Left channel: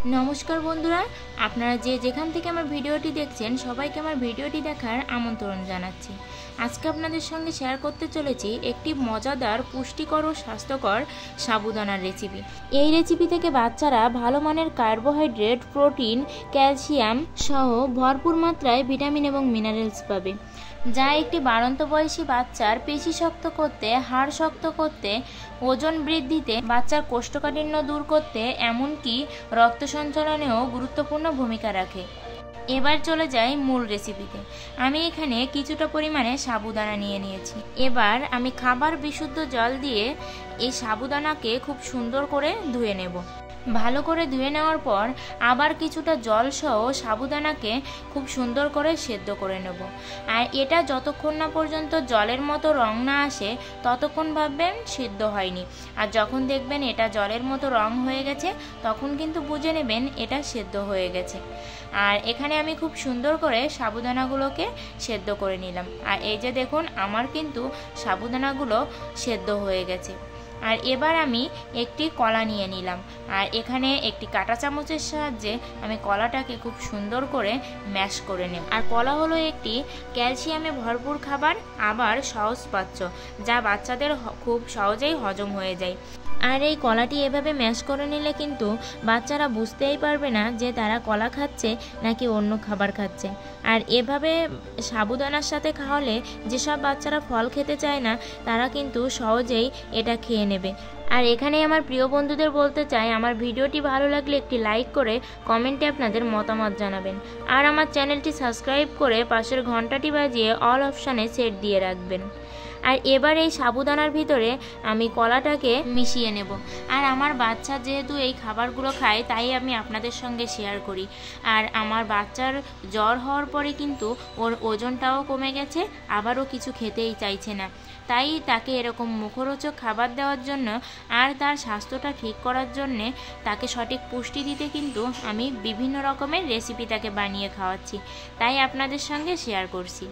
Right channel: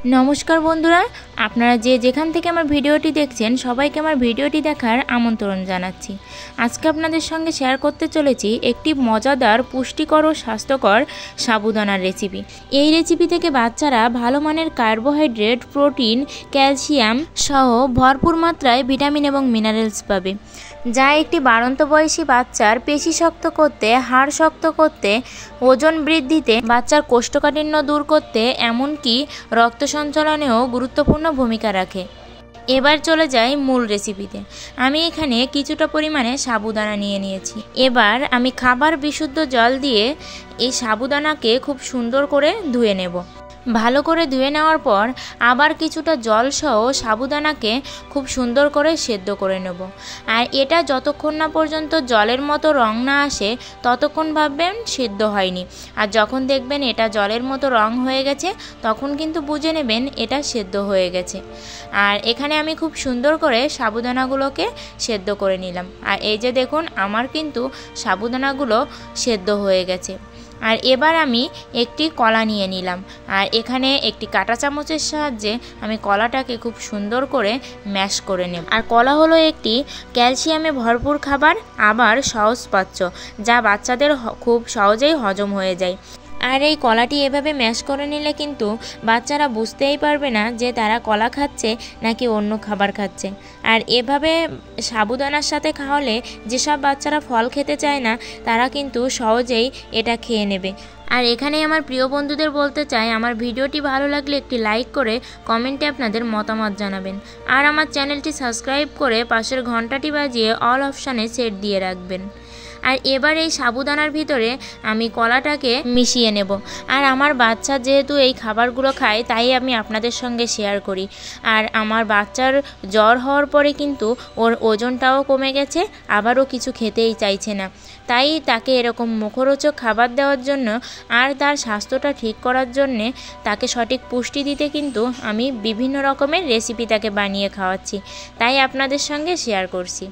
নমস্কার বন্ধুরা, আপনারা যে যেখান থেকে আমার ভিডিওটি দেখছেন সবাইকে আমার ভিডিওটি দেখার আমন্ত্রণ জানাচ্ছি। আজকে আপনাদের সঙ্গে শেয়ার করতে চলেছি একটি মজাদার, পুষ্টিকর ও স্বাস্থ্যকর সাবুদানার রেসিপি। এই রেসিপি থেকে বাচ্চারা ভালো মানের কার্বোহাইড্রেট, প্রোটিন, ক্যালসিয়াম সহ ভরপুর মাত্রায় ভিটামিন এবং মিনারেলস পাবে, যা একটি বাড়ন্ত বয়সী বাচ্চার পেশি শক্ত করতে, হাড় শক্ত করতে, ওজন বৃদ্ধিতে, বাচ্চার কোষ্ঠকাঠিন্য দূর করতে, এমনকি রক্ত সঞ্চালনেও গুরুত্বপূর্ণ ভূমিকা রাখে। এবার চলে যাই মূল রেসিপিতে। আমি এখানে কিছুটা পরিমাণে সাবুদানা নিয়ে নিয়েছি। এবার আমি খাবার বিশুদ্ধ জল দিয়ে এই সাবুদানাকে খুব সুন্দর করে ধুয়ে নেব। ভালো করে ধুয়ে নেওয়ার পর আবার কিছুটা জল সহ সাবুদানাকে খুব সুন্দর করে সেদ্ধ করে নেব। আর এটা যতক্ষণ না পর্যন্ত জলের মতো রং না আসে ততক্ষণ ভাববেন সেদ্ধ হয়নি। আর যখন দেখবেন এটা জলের মতো রং হয়ে গেছে তখন কিন্তু বুঝে নেবেন এটা সেদ্ধ হয়ে গেছে। আর এখানে আমি খুব সুন্দর করে সাবুদানাগুলোকে সেদ্ধ করে নিলাম। আর এই যে দেখুন, আমার কিন্তু সাবুদানাগুলো সেদ্ধ হয়ে গেছে। আর এবার আমি একটি কলা নিয়ে নিলাম। আর এখানে একটি কাঁটা চামচের সাহায্যে আমি কলাটাকে খুব সুন্দর করে ম্যাশ করে নেব। আর কলা হলো একটি ক্যালসিয়ামে ভরপুর খাবার, আবার সহজপাচ্য, যা বাচ্চাদের খুব সহজেই হজম হয়ে যায়। আর এই কলাটি এভাবে ম্যাশ করে নিলে কিন্তু বাচ্চারা বুঝতেই পারবে না যে তারা কলা খাচ্ছে নাকি অন্য খাবার খাচ্ছে। আর এভাবে সাবুদানার সাথে খাওয়ালে যেসব বাচ্চারা ফল খেতে চায় না তারা কিন্তু সহজেই এটা খেয়ে নেবে। আর এখানে আমার প্রিয় বন্ধুদের বলতে চাই, আমার ভিডিওটি ভালো লাগলে একটি লাইক করে কমেন্টে আপনাদের মতামত জানাবেন। আর আমার চ্যানেলটি সাবস্ক্রাইব করে পাশের ঘন্টাটি বাজিয়ে অল অপশানে সেট দিয়ে রাখবেন। আর এবার এই সাবুদানার ভিতরে আমি কলাটাকে মিশিয়ে নেব। আর আমার বাচ্চা যেহেতু এই খাবারগুলো খায় তাই আমি আপনাদের সঙ্গে শেয়ার করি। আর আমার বাচ্চার জ্বর হওয়ার পরে কিন্তু ওর ওজনটাও কমে গেছে, আবারও কিছু খেতেই চাইছে না। তাই তাকে এরকম মুখরোচক খাবার দেওয়ার জন্য আর তার স্বাস্থ্যটা ঠিক করার জন্যে, তাকে সঠিক পুষ্টি দিতে কিন্তু আমি বিভিন্ন রকমের রেসিপি তাকে বানিয়ে খাওয়াচ্ছি, তাই আপনাদের সঙ্গে শেয়ার করছি।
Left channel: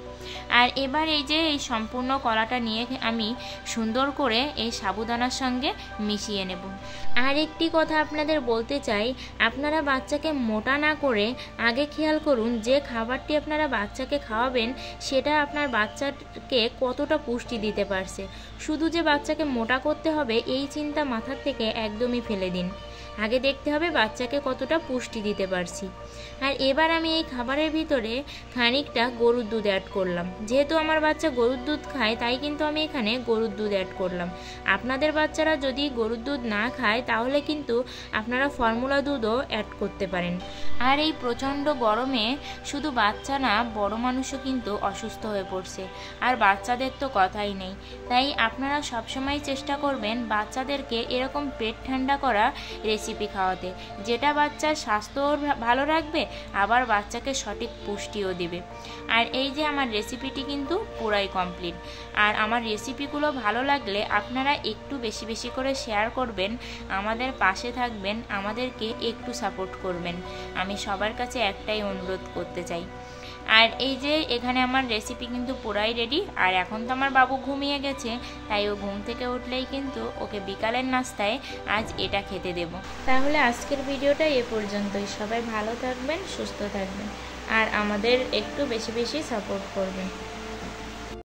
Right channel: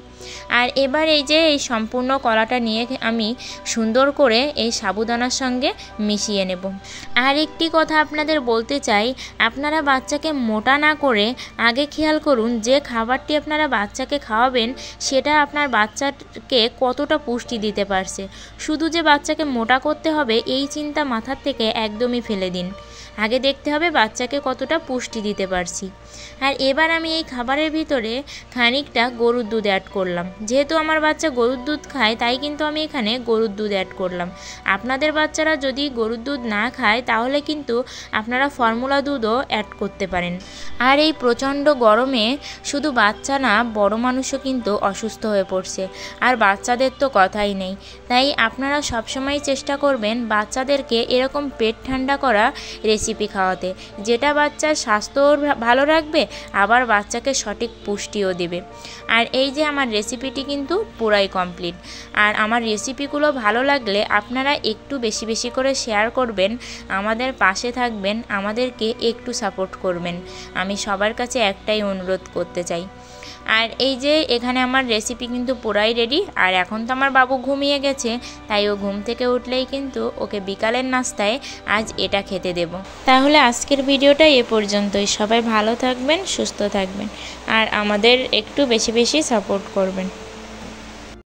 আর এবার এই যে এই সম্পূর্ণ কলাটা নিয়ে আমি সুন্দর করে এই সাবুদানার সঙ্গে মিশিয়ে নেব। আর একটি কথা আপনাদের বলতে চাই, আপনারা বাচ্চাকে মোটা না করে আগে খেয়াল করুন যে খাবারটি আপনারা বাচ্চাকে খাওয়াবেন সেটা আপনার বাচ্চাকে কতটা পুষ্টি দিতে পারছে। শুধু যে বাচ্চাকে মোটা করতে হবে এই চিন্তা মাথার থেকে একদমই ফেলে দিন। আগে দেখতে হবে বাচ্চাকে কতটা পুষ্টি দিতে পারছি। আর এবার আমি এই খাবারের ভিতরে খানিকটা গরুর দুধ অ্যাড করলাম। যেহেতু আমার বাচ্চা গরুর দুধ খায় তাই কিন্তু আমি এখানে গরুর দুধ অ্যাড করলাম। আপনাদের বাচ্চারা যদি গরুর দুধ না খায় তাহলে কিন্তু আপনারা ফর্মুলা দুধও অ্যাড করতে পারেন। আর এই প্রচণ্ড গরমে শুধু বাচ্চা না, বড় মানুষও কিন্তু অসুস্থ হয়ে পড়ছে। আর বাচ্চাদের তো কথাই নেই। তাই আপনারা সবসময় চেষ্টা করবেন বাচ্চাদেরকে এরকম পেট ঠান্ডা করা রেসিপি খাওয়াতে, যেটা বাচ্চার স্বাস্থ্যও ভালো রাখবে, আবার বাচ্চাকে সঠিক পুষ্টিও দেবে। আর এই যে আমার রেসিপিটি কিন্তু পুরাই কমপ্লিট। আর আমার রেসিপিগুলো ভালো লাগলে আপনারা একটু বেশি বেশি করে শেয়ার করবেন, আমাদের পাশে থাকবেন, আমাদেরকে একটু সাপোর্ট করবেন। আমি সবার কাছে একটাই অনুরোধ করতে চাই। আর এই যে এখানে আমার রেসিপি কিন্তু পুরাই রেডি। আর এখন তো আমার বাবু ঘুমিয়ে গেছে, তাই ও ঘুম থেকে উঠলেই কিন্তু ওকে বিকালের নাস্তায় আজ এটা খেতে দেব। তাহলে আজকের ভিডিওটা এ পর্যন্তই। সবাই ভালো থাকবেন, সুস্থ থাকবেন, আর আমাদের একটু বেশি বেশি সাপোর্ট করবেন।